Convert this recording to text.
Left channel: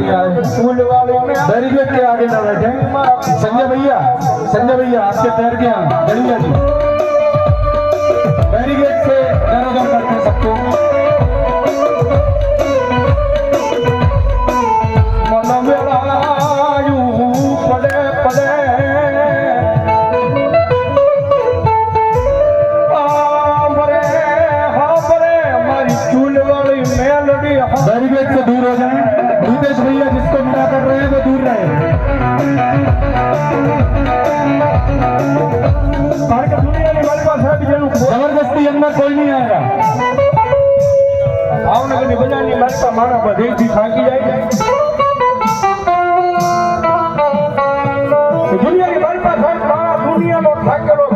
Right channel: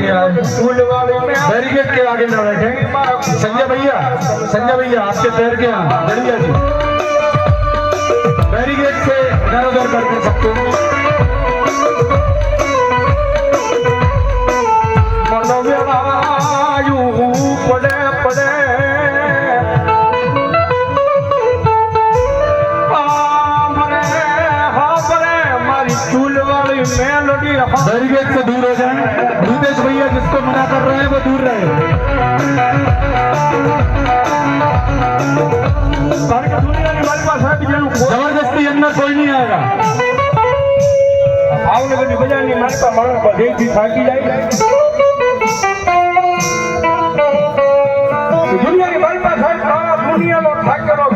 के आए, बैरिकेड के आगे ना बैठे। संजय भैया आपके पैर के यहाँ बढ़िया जी, बैरिकेड से इधर उधर करते सबको। बैरिकेड से दूर हो जाए। भूपेश भैया जिसको मना कर रहे हैं वो दूर रहे। जबरदस्ती अंदर कोई नहीं आएगा। भावनगर में बजाने लगता मारा पर देख भी थाकी जाए। दुनिया की बड़ी बात है, दुनिया में ठाक करो